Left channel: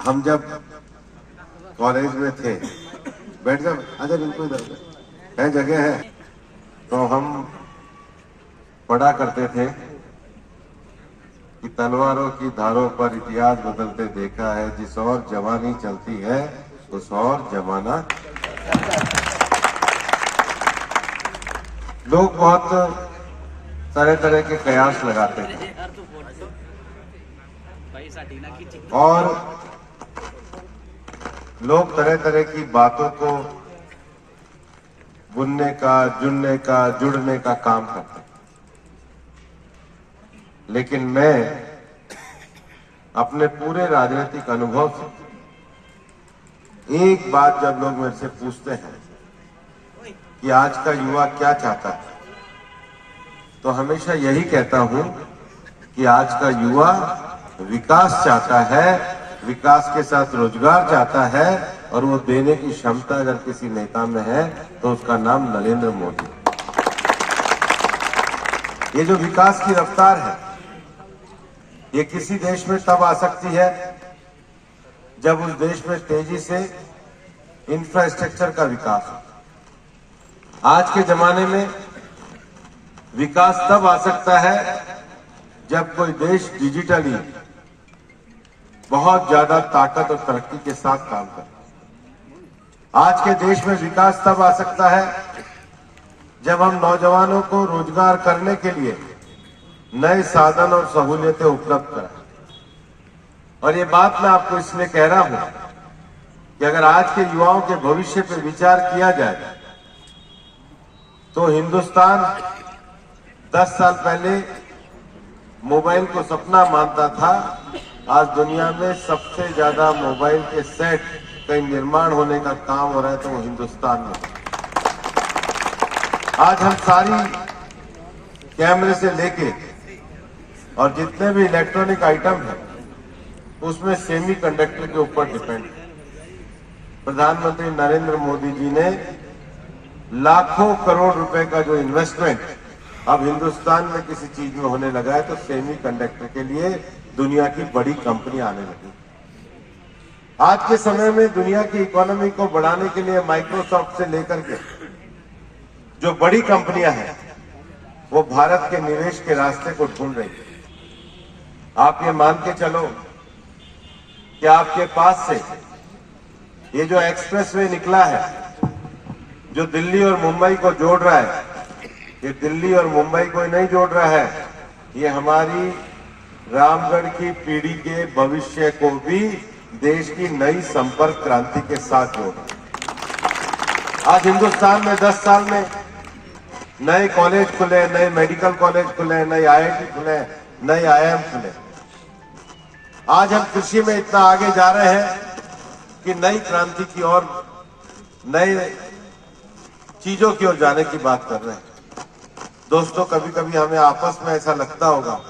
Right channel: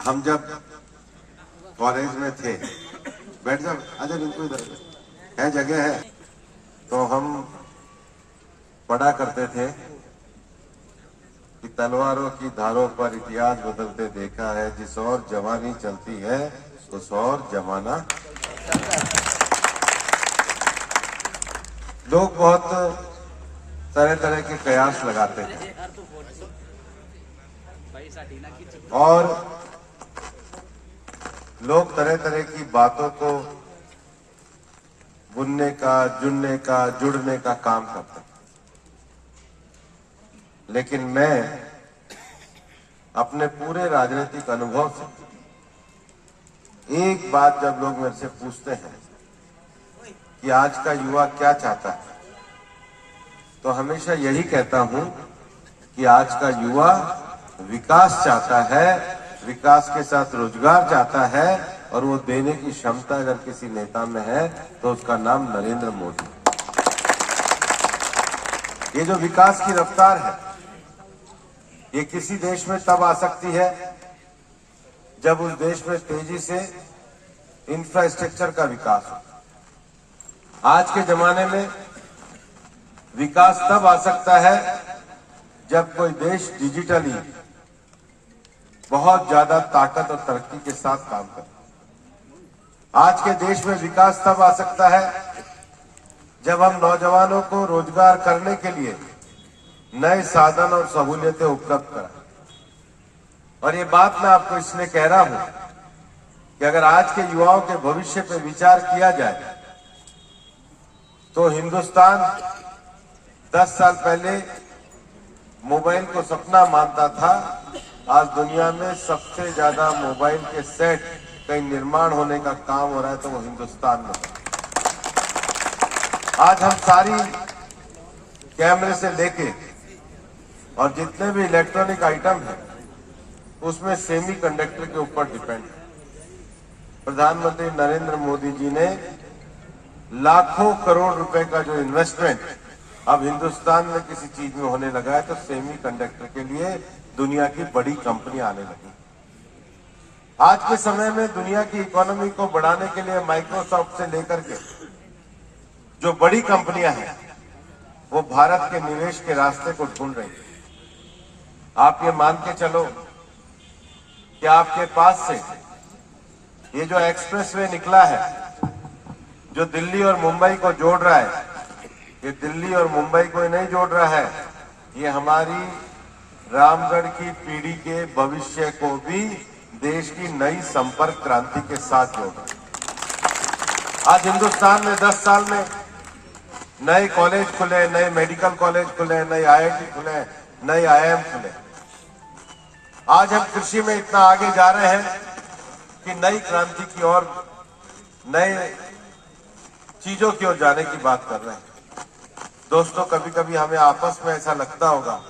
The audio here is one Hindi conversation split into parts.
हम जब कॉलेज में थे, बैठ जाओ, आजा बिल्कुल है, जगह है, तो हम पढ़ा करते थे कि तलवारों की धारों पर इतिहास बदलते देखा है, जिस और जवानी चलती है उस और जमाना। लोग बहुत तरह तरह के कयास लगाते थे और लोग तरह तरह की बातों को बुनने का, जुड़ने का, जुड़ने का काम करते थे। लेकिन मैं अपने पूरे राजनीतिक अनुभव से एक बात जब लोग मेरे से पूछते हैं कि आज का युवा क्या चाहता है, तो हमेशा यही कहता हूं कि आज का युवा विकास चाहता है, विकास के साथ रोजगार चाहता है, और वो देने की क्षमता अगर किसी नेता में है तो उसका नाम नरेंद्र मोदी। ये जो विकास की रफ्तार है, ये किसी देश में तब आ सकती है जब उस देश में तेजी से इंफ्रास्ट्रक्चर का विकास हो। आज के जमाने में विकास तब आ सकता है जब कोई देश डिजिटली बहुत ज्यादा ताकत और तरक्की के साथ काम करे। आज के देश में विकास तब आ सकता है जब हम नौजवानों को रोजगार करने के लिए नए साधन और सहूलियतें उपलब्ध कराएं। और ये बात मैं आपको इसलिए कह रहा हूं कि अगर आज के युवाओं के भविष्य पर विचार किया जाए तो हिंदुस्तान 10 साल पहले मोबाइल को सपना मानता था, आज दुनिया में सबसे ज्यादा मोबाइल के सेट कहीं निर्माण होने का काम हो रहा है तो वो हिंदुस्तान में। आज हम सारी कैमरे से लेके और जितने भी इलेक्ट्रॉनिक आइटम हैं उसमें सेमीकंडक्टर के ऊपर डिपेंड है। प्रधानमंत्री नरेंद्र मोदी जी ने लाखों करोड़ रुपए का जो इन्वेस्टमेंट अब हिंदुस्तान में किसी चीज में होने लगा है, तो सेमीकंडक्टर के लिए दुनिया की बड़ी कंपनी आने लगी। आज के समय में दुनिया की इकोनॉमी को बढ़ाने के लिए माइक्रोसॉफ्ट से लेकर के जो बड़ी कंपनियां हैं वो भारत के निवेश के रास्ते को ढूंढ रही है। आप ये मान के चलो कि आपके पास से ये जो एक्सप्रेसवे निकला है, जो दिल्ली और मुंबई को जोड़ रहा है, ये दिल्ली और मुंबई को नहीं जोड़ रहा है, ये हमारी रामगढ़ की पीढ़ी के भविष्य को भी देश की नई संपर्क क्रांति के साथ जोड़ रहा है। आज हिंदुस्तान में 10 साल में नए कॉलेज खुले, नए मेडिकल कॉलेज खुले, नए आईआईटी खुले, नए आईआईएम खुले। आज हम कृषि में इतना आगे जा रहे हैं कि नई क्रांति की ओर, नए चीजों की ओर जाने की बात कर रहे हैं। दोस्तों, कभी कभी हमें आपस में ऐसा लगता होगा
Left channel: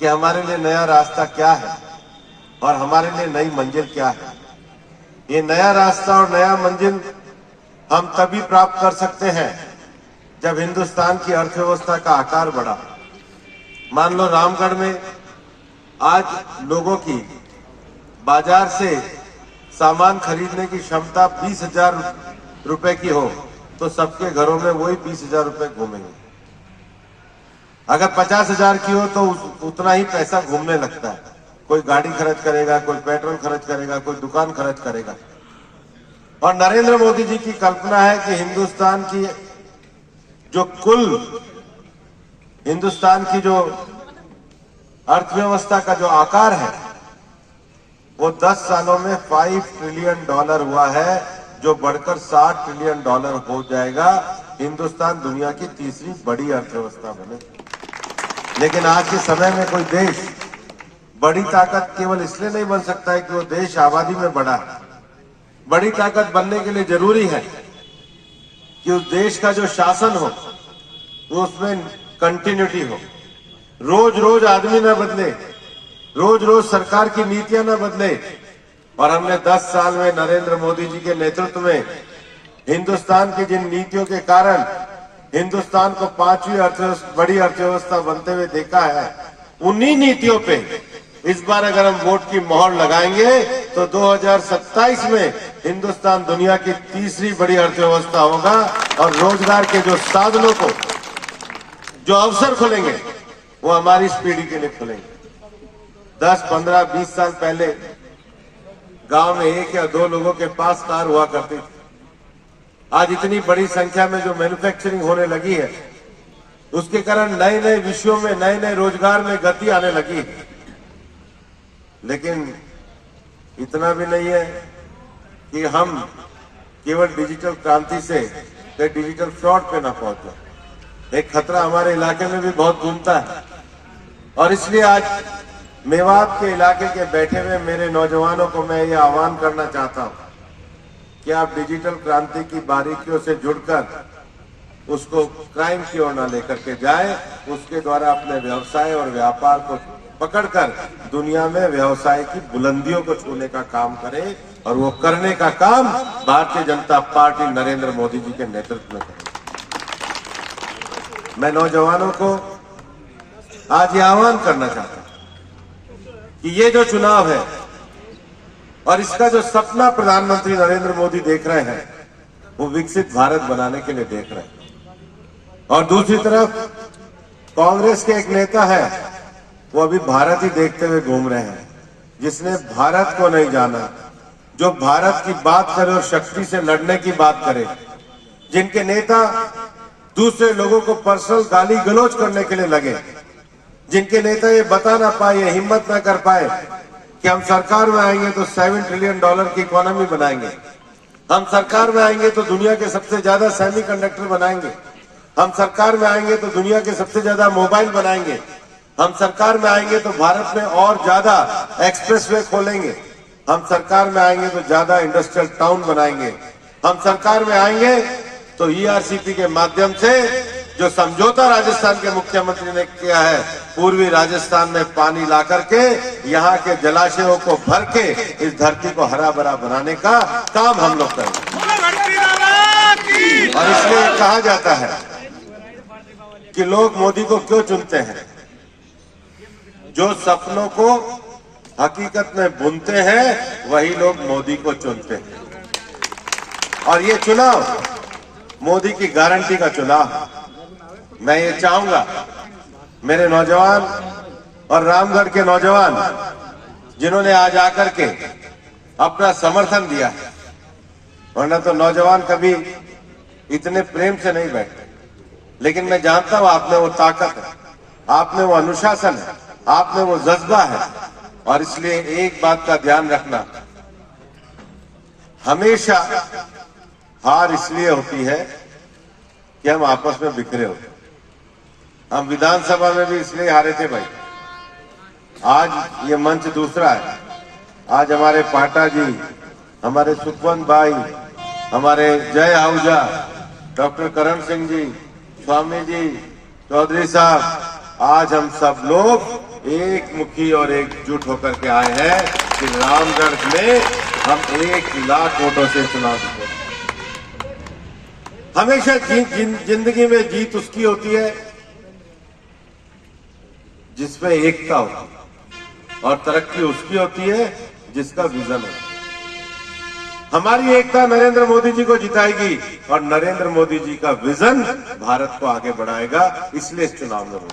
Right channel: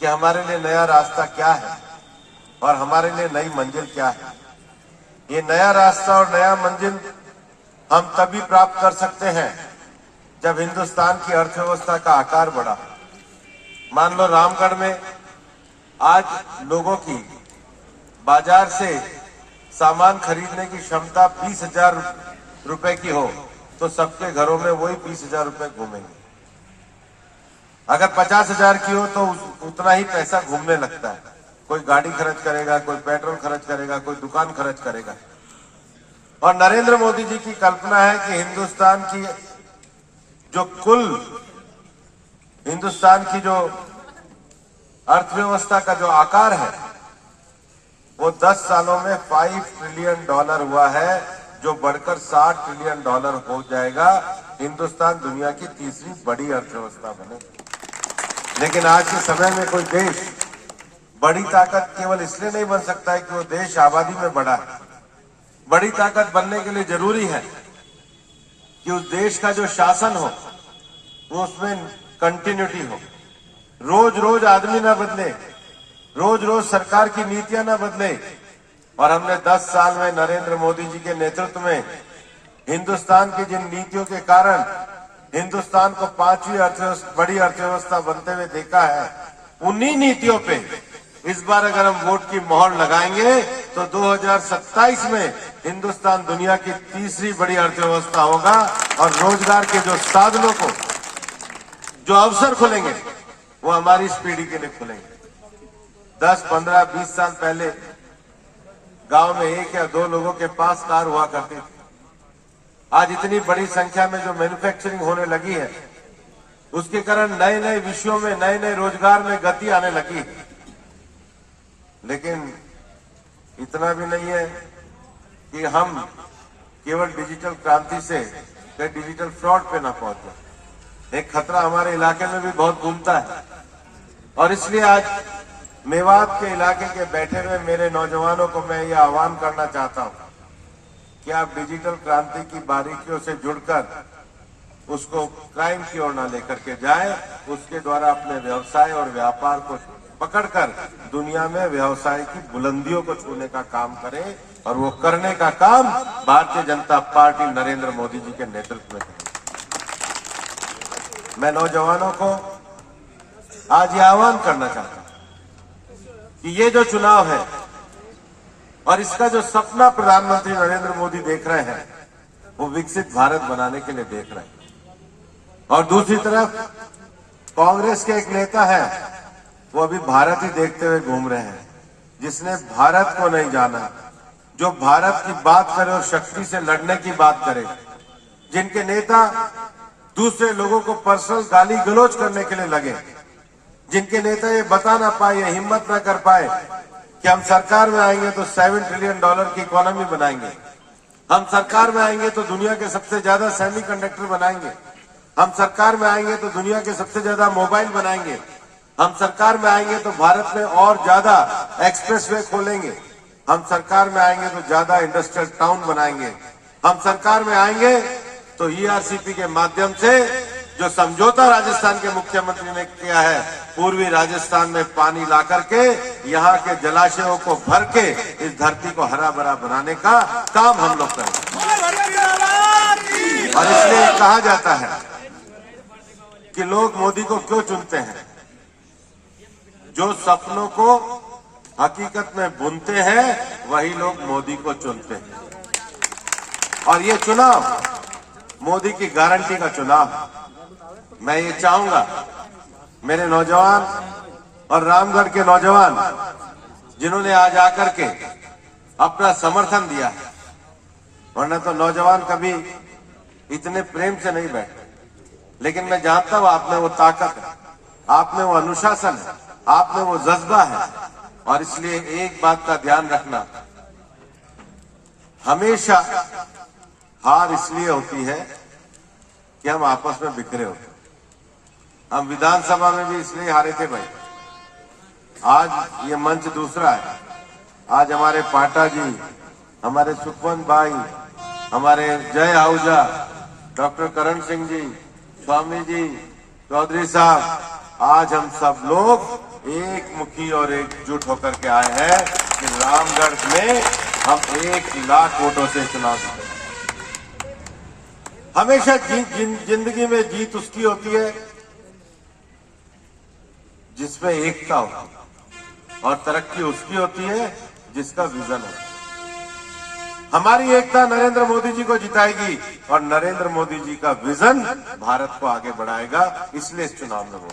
कि हमारे लिए नया रास्ता क्या है और हमारे लिए नई मंजिल क्या है। ये नया रास्ता और नया मंजिल हम तभी प्राप्त कर सकते हैं जब हिंदुस्तान की अर्थव्यवस्था का आकार बढ़ा। मान लो रामगढ़ में आज लोगों की बाजार से सामान खरीदने की क्षमता 20,000 रुपए की हो तो सबके घरों में वही 20,000 रुपए घूमेंगे। अगर 50,000 की हो तो उतना ही पैसा घूमने लगता है। कोई गाड़ी खर्च करेगा, कोई पेट्रोल खर्च करेगा, कोई दुकान खर्च करेगा। और नरेंद्र मोदी जी की कल्पना है कि हिंदुस्तान की जो अर्थव्यवस्था का जो आकार है वो 10 सालों में $5 ट्रिलियन हुआ है, जो बढ़कर $60 ट्रिलियन हो जाएगा। हिंदुस्तान दुनिया की तीसरी बड़ी अर्थव्यवस्था बने। लेकिन आज के समय में कोई देश बड़ी ताकत केवल इसलिए नहीं बन सकता है कि वो देश आबादी में बड़ा है। बड़ी ताकत बनने के लिए जरूरी है कि उस देश का जो शासन हो वो उसमें कंटिन्यूटी हो। रोज रोज आदमी ना बदले, रोज रोज सरकार की नीतियां ना बदले। और हमने 10 साल में नरेंद्र मोदी जी के नेतृत्व में हिंदुस्तान की जिन नीतियों के कारण हिंदुस्तान को 5वीं बड़ी अर्थव्यवस्था बनते हुए देखा है, उन्हीं नीतियों पे इस बार अगर हम वोट की मोहर लगाएंगे तो 2027 में हिंदुस्तान दुनिया की तीसरी बड़ी अर्थव्यवस्था होगा और रोजगार के जो साधनों को, जो अवसर खुलेंगे, वो हमारी इस पीढ़ी के लिए खुलेंगे। 10, 15, 20 साल पहले गांव में 1 या 2 लोगों के पास कार हुआ करती थी। आज इतनी बड़ी संख्या में जो मैन्युफैक्चरिंग होने लगी है, उसके कारण नए नए विषयों में, नए नए रोजगार में गति आने लगी है। लेकिन इतना भी नहीं है कि हम केवल डिजिटल क्रांति से डिजिटल फ्रॉड पे न पहुंचे। एक खतरा हमारे इलाके में भी बहुत घूमता है और इसलिए आज मेवात के इलाके के बैठे हुए मेरे नौजवानों को मैं ये आह्वान करना चाहता हूं कि आप डिजिटल क्रांति की बारीकियों से जुड़कर उसको क्राइम की ओर न लेकर के जाए, उसके द्वारा अपने व्यवसाय और व्यापार को पकड़कर दुनिया में व्यवसाय की बुलंदियों को छूने का काम करें और वो करने का काम भारतीय जनता पार्टी नरेंद्र मोदी जी के नेतृत्व में करें। मैं नौजवानों को आज ये आह्वान करना चाहता हूं कि ये जो चुनाव है और इसका जो सपना प्रधानमंत्री नरेंद्र मोदी देख रहे हैं, वो विकसित भारत बनाने के लिए देख रहे हैं। और दूसरी तरफ कांग्रेस के एक नेता है, वो अभी भारत ही देखते हुए घूम रहे हैं, जिसने भारत को नहीं जाना, जो भारत की बात करे और शक्ति से लड़ने की बात करे, जिनके नेता दूसरे लोगों को पर्सनल गाली गलौज करने के लिए लगे, जिनके नेता ये बता ना पाए, हिम्मत ना कर पाए कि हम सरकार में आएंगे तो $7 ट्रिलियन की इकोनॉमी बनाएंगे, हम सरकार में आएंगे तो दुनिया के सबसे ज्यादा सेमीकंडक्टर बनाएंगे, हम सरकार में आएंगे तो दुनिया के सबसे ज्यादा मोबाइल बनाएंगे, हम सरकार में आएंगे तो भारत में और ज्यादा एक्सप्रेसवे खोलेंगे, हम सरकार में आएंगे तो ज्यादा इंडस्ट्रियल टाउन बनाएंगे, हम सरकार में आएंगे तो ईआरसीपी के माध्यम से जो समझौता राजस्थान के मुख्यमंत्री ने किया है, पूर्वी राजस्थान में पानी ला करके यहाँ के जलाशयों को भर के इस धरती को हरा भरा बनाने का काम हम लोग करेंगे। और इसलिए कहा जाता है कि लोग मोदी को क्यों चुनते हैं? जो सपनों को हकीकत में बुनते हैं, वही लोग मोदी को चुनते हैं। और ये चुनाव मोदी की गारंटी का चुनाव। मैं ये चाहूंगा मेरे नौजवान और रामगढ़ के नौजवान जिन्होंने आज आकर के अपना समर्थन दिया, वरना तो नौजवान कभी इतने प्रेम से नहीं बैठते, लेकिन मैं जानता हूं आप में वो ताकत है, आप में वो अनुशासन है, आप में वो जज्बा है। और इसलिए एक बात का ध्यान रखना, हमेशा हार इसलिए होती है कि हम आपस में बिखरे होते हैं। हम विधानसभा में भी इसलिए हारे थे भाई। आज ये मंच दूसरा है। आज हमारे पाटा जी, हमारे सुखवंत भाई, हमारे जय आहूजा, डॉक्टर करण सिंह जी, स्वामी जी, चौधरी साहब, आज हम सब लोग एक मुखी और एकजुट होकर के आए हैं कि रामगढ़ में हम 1 लाख वोटों से चुनाव जीते। हमेशा जिंदगी में जीत उसकी होती है जिसमें एकता होती है, और तरक्की उसकी होती है जिसका विजन है। हमारी एकता नरेंद्र मोदी जी को जिताएगी और नरेंद्र मोदी जी का विजन भारत को आगे बढ़ाएगा। इसलिए इस चुनाव में वोट